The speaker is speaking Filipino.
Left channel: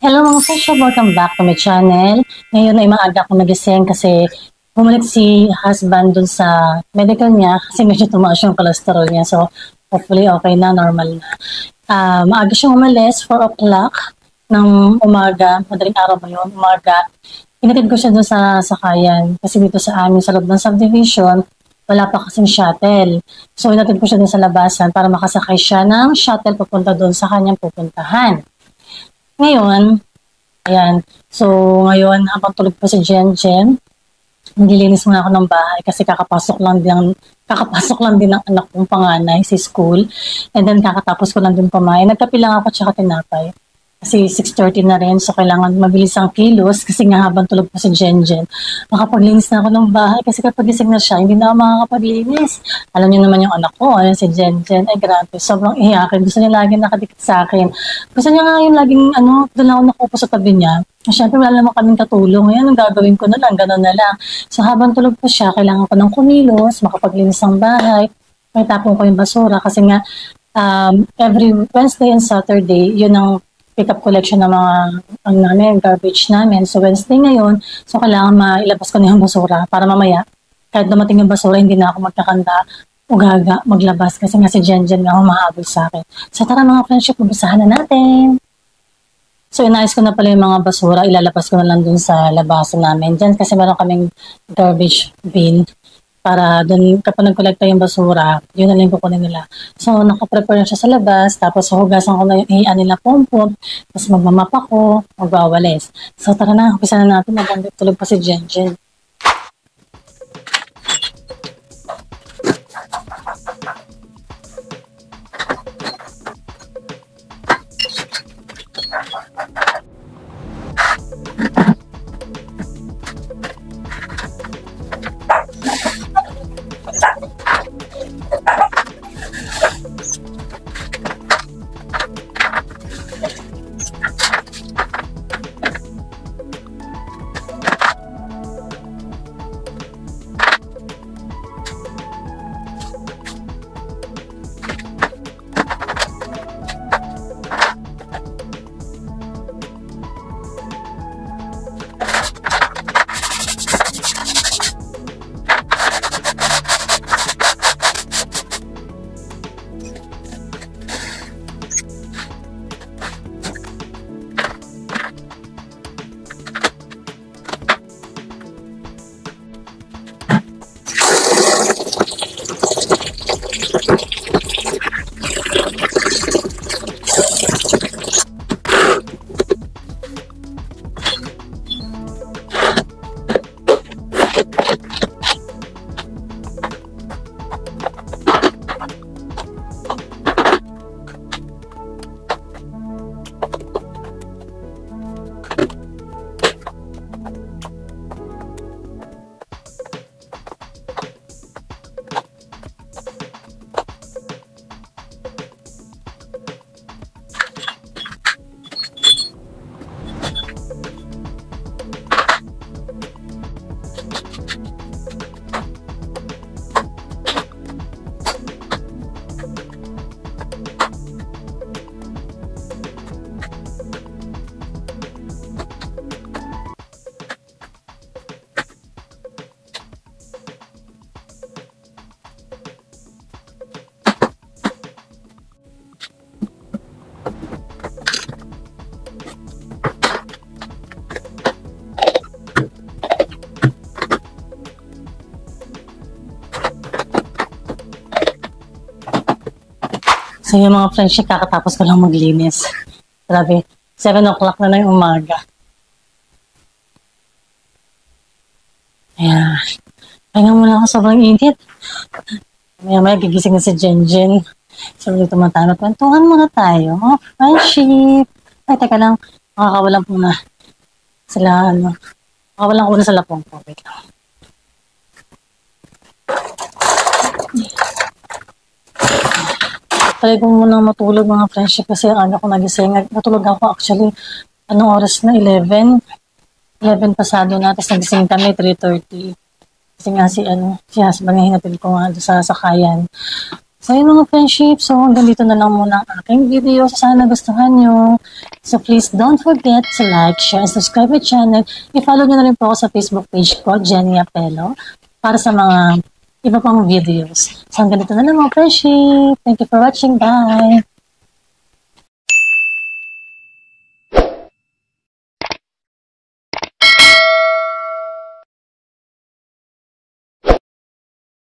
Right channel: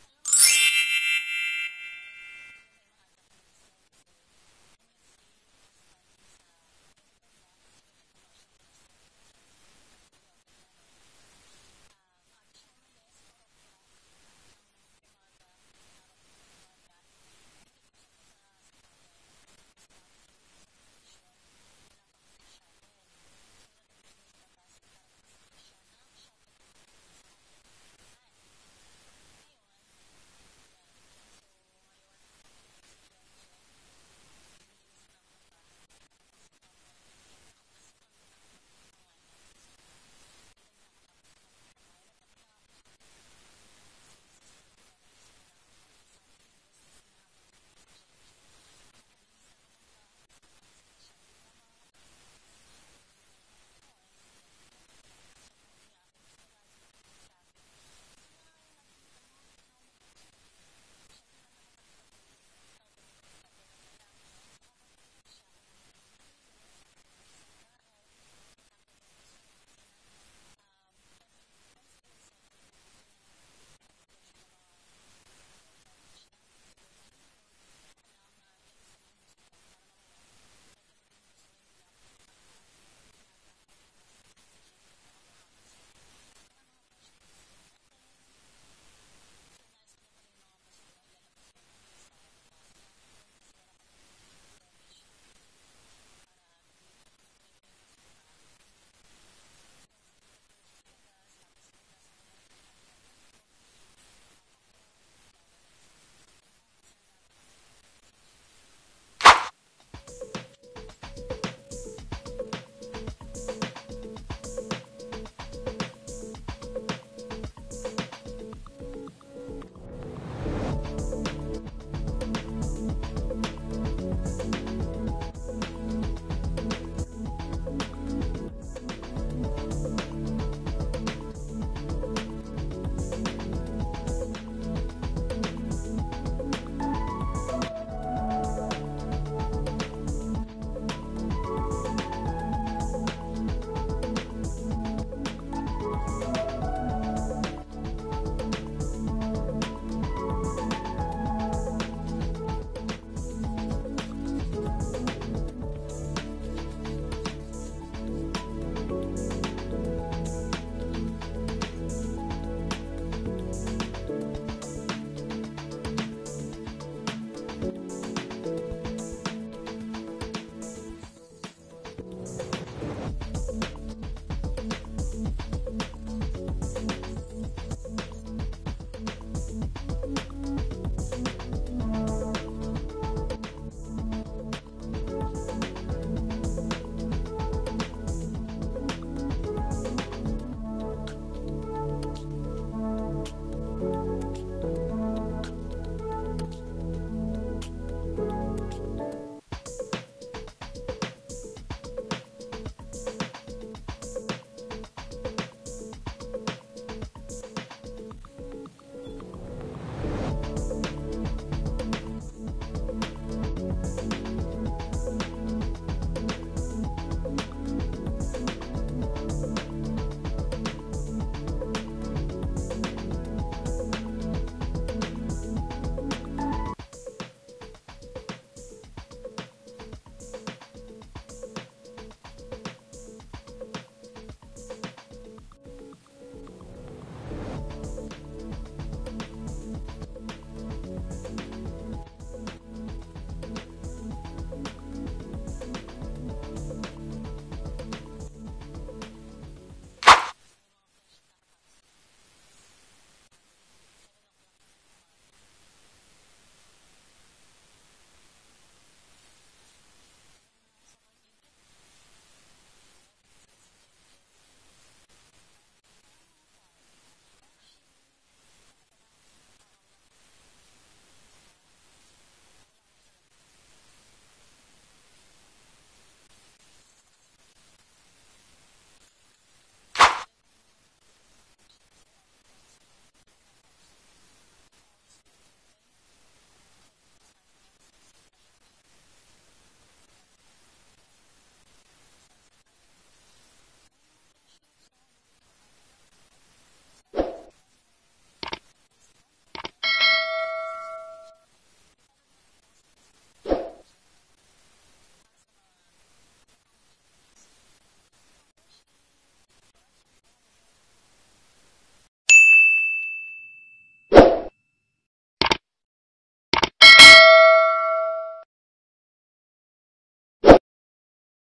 Hello mga kasya, welcome back to my channel. Ngayon ay maaga ako nagising kasi bumalik si husband dun sa medical niya kasi medyo tumaas yung cholesterol niya. So hopefully okay na, normal na. Maaga siyang umalis, 4 o'clock ng umaga, madaling araw ba yun, umaga. Inatid ko siya dun sa sakayan kasi dito sa amin sa loob ng subdivision, wala pa kasing shuttle. So inatid ko siya dun sa labasan para makasakay siya ng shuttle papunta dun sa kanyang pupuntahan. Ngayon, ayan. So, ngayon, habang tulog pa si Jen, naglilinis muna ako ng bahay kasi kakapasok lang din ng anak kong panganay si school. And then, kakatapos ko lang din kumain. Nagkape lang ako tsaka tinapay. Kasi 6:30 na rin, so kailangan mabilis ang kilos kasi nga habang tulog pa si Jen. Makapaglinis na ako ng bahay kasi kapag gising na siya, hindi na ako makakapaglinis. Alam niyo naman yung anak ko, ano, si Jen. Ay grabe, sobrang iyakin. Gusto niya lagi nakadikit sa akin. Gusto niya nga yung laging, doon ako nakupo sa tabi niya. Siyempre, wala naman kaming katulong. Ngayon, ang gagawin ko na lang, gano'n na lang. So, habang tulog pa siya, kailangan ko ng kumilos, makapaglinis ng bahay, may tapong ko yung basura kasi nga, every Wednesday and Saturday, yun ang pick-up collection ng mga garbage namin. So Wednesday ngayon, so kailangan mailabas ko na yung basura para mamaya, kahit dumating yung basura, hindi na ako magkakanda o gaga maglabas kasi nga si Jen nga humahabol sa akin. So tara mga friendship, mabasahan na natin. So inayos ko na pala yung mga basura, ilalabas ko na lang dun sa labasan namin dyan kasi meron kaming garbage bin para doon kapag nagkolekta yung basura, yun na lang kukunin nila. So, nakaprepare na siya sa labas, tapos hugasan ko na yung iyan nila pompom, tapos magmamap ako, magwawalis. So, tara na, umpisa na natin, nagandang tulog pa si Jen. So yung mga friendship, kakatapos ko lang maglinis. Grabe, 7 o'clock na yung umaga. Ayan. Pahinga muna ako, sobrang init. Maya gigising na si Jen. So dito matano, kwentuhan muna tayo. Oh, friendship. Ay, teka lang. Makakawalan po na sila, makakawalan ko na sa lapong ko. Wait lang. Try ko munang matulog mga friendship kasi ang ko nagising. Natulog ako actually, anong oras na? 11 pasado na. Tapos nagising kami, 3:30. Kasi nga si husband nga hinatid ko nga sa sakayan. So yun mga friendship, so hanggang dito na lang muna ang aking video. So sana nagustuhan nyo. So please don't forget to like, share, and subscribe my channel. I-follow nyo na rin po ako sa Facebook page ko, Jenny Apelo, para sa mga iba pang videos. So hanggang dito na lang mga friendship. Thank you for watching. Bye!